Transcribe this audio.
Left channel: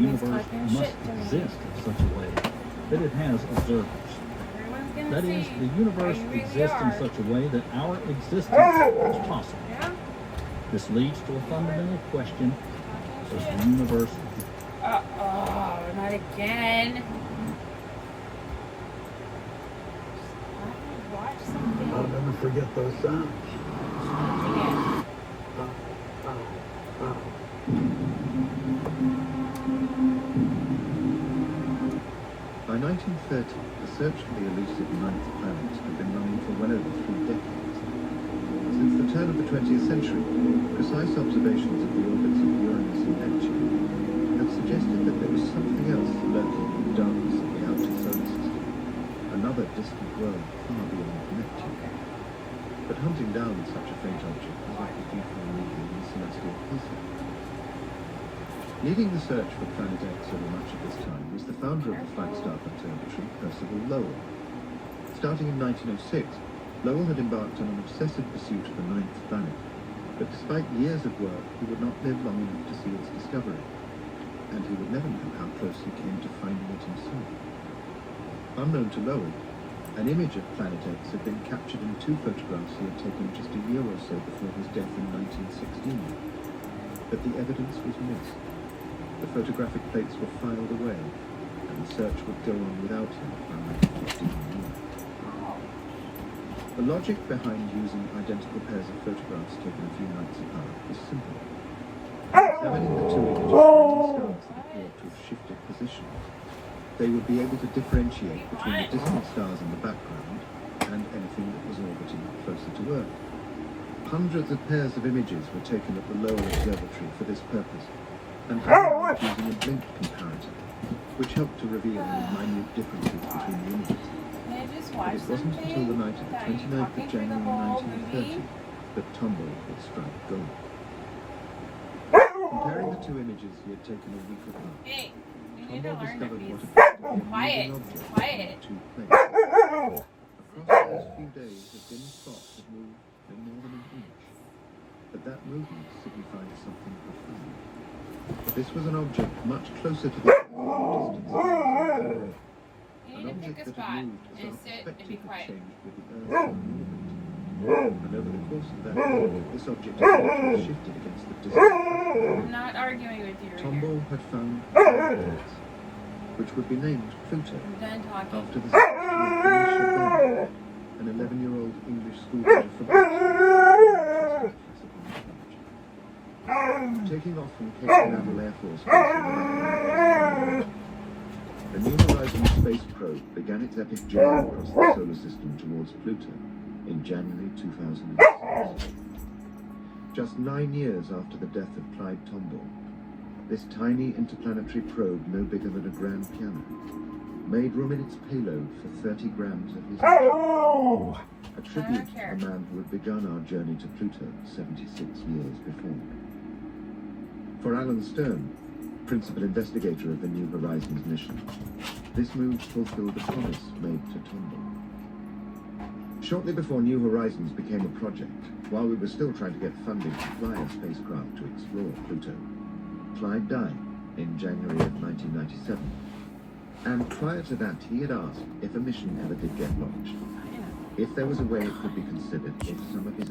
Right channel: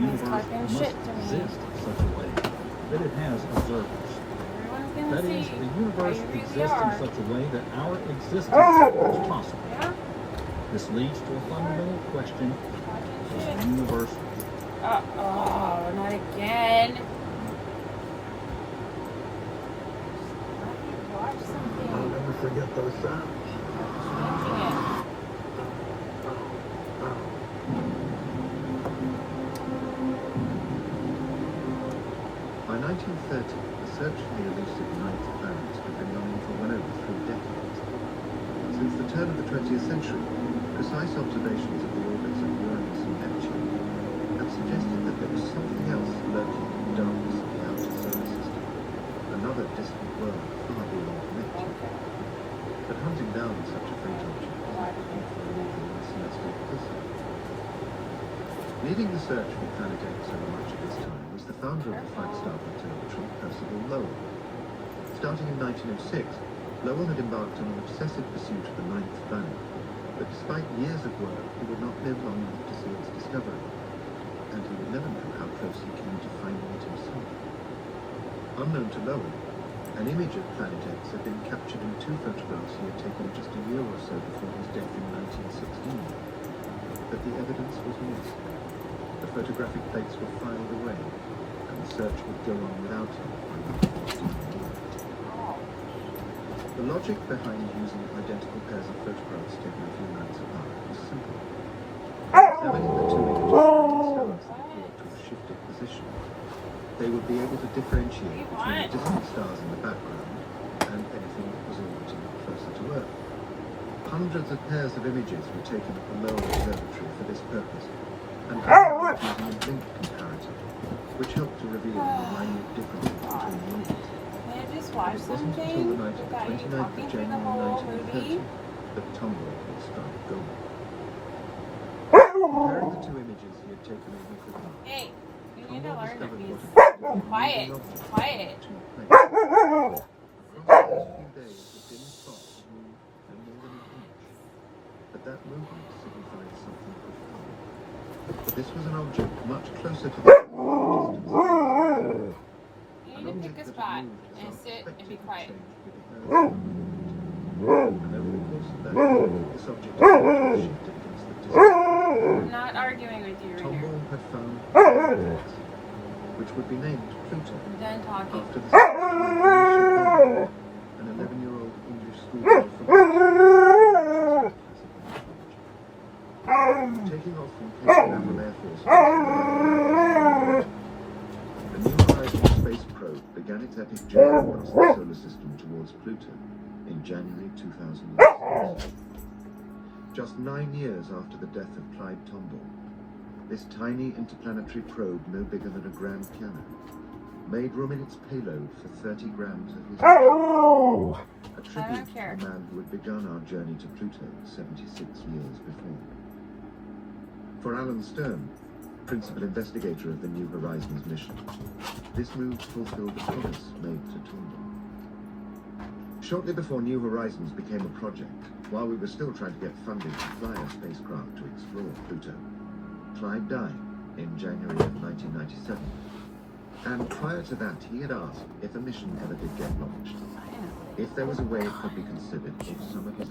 universe must exist in such a way that it has observers. That is, the universe exists in such a way that our existence is possible. This leads to a fundamental question: does the universe exist? Uh-oh, not again. Watch something. I'll never forget those sounds. By 1930, the search for the elusive ninth planet had been running for well over 3 decades. Since the turn of the 20th century, precise observations of the orbits of Uranus and Neptune had suggested that there was something else lurking in the darkness of the outer solar system, another distant world far beyond Neptune. But hunting down such a faint object was not the beautiful movie in the celestial prism. Leading the search for Planet X over much of this time was the founder of the Flagstaff Observatory, Percival Lowell. Starting in 1906, Lowell had embarked on an obsessive pursuit of the ninth planet, but despite years of work, he would not live long enough to see its discovery, and he would never know how close he came to finding it himself. Unknown to Lowell, an image of Planet X had been captured in 2 photographs he had taken just a year or so before his death in 1916, but the evidence was missed. The photographic plates were filed away, and the search would go on without him for another 15 years. The logic behind using identical pairs of photographs taken a few nights apart was simple. Examining the 2 images of stars that appeared to have shifted position, they would be able to differentiate between the distant stars in the background and anything that was orbiting closer to Earth. Hundreds of pairs of images were taken at the Lowell Observatory for this purpose, and analyzed using a blink comparator, which helped to reveal any minute differences between the images. But it wasn't until the night of the 29th of January 1930 that Tombaugh had struck gold. Comparing the 2 images he had taken a week apart, Hey, you need to Tombaugh learn discovered to what be appeared to be a quiet. moving object Quiet. in 2 places. Across the last few days, the dim spot had moved by more than an inch, but that movement signified something profound. This was an object much closer to the distance. An object that had moved as our perspective had changed with the Earth around it. And over the course of that period, this object had actually shifted against the distance. I'm not arguing with you. Tombaugh had found Planet X, which would be named Pluto, I'm done talking. after the statue of Felicia Bell, an 11-year-old English schoolgirl from Boston. Taking off from Cape Canaveral Air Force Base, the New Horizons space probe began its epic journey across the solar system towards Pluto in January 2006. Just 9 years after the death of Clyde Tombaugh, this tiny interplanetary probe, no bigger than a grand piano, made room in its payload for 30 grams of his a tribute to the man who had begun our journey to Pluto 76 years before. For Alan Stern, principal investigator of the New Horizons mission, this move fulfilled the promise made to Tombaugh. Shortly before New Horizons became a project, while we were still trying to get funding to fly a spacecraft to explore Pluto, Clyde died in January of 1997. And prior to that, he had asked if a mission ever did get launched, if there was a way it could be considered if some of his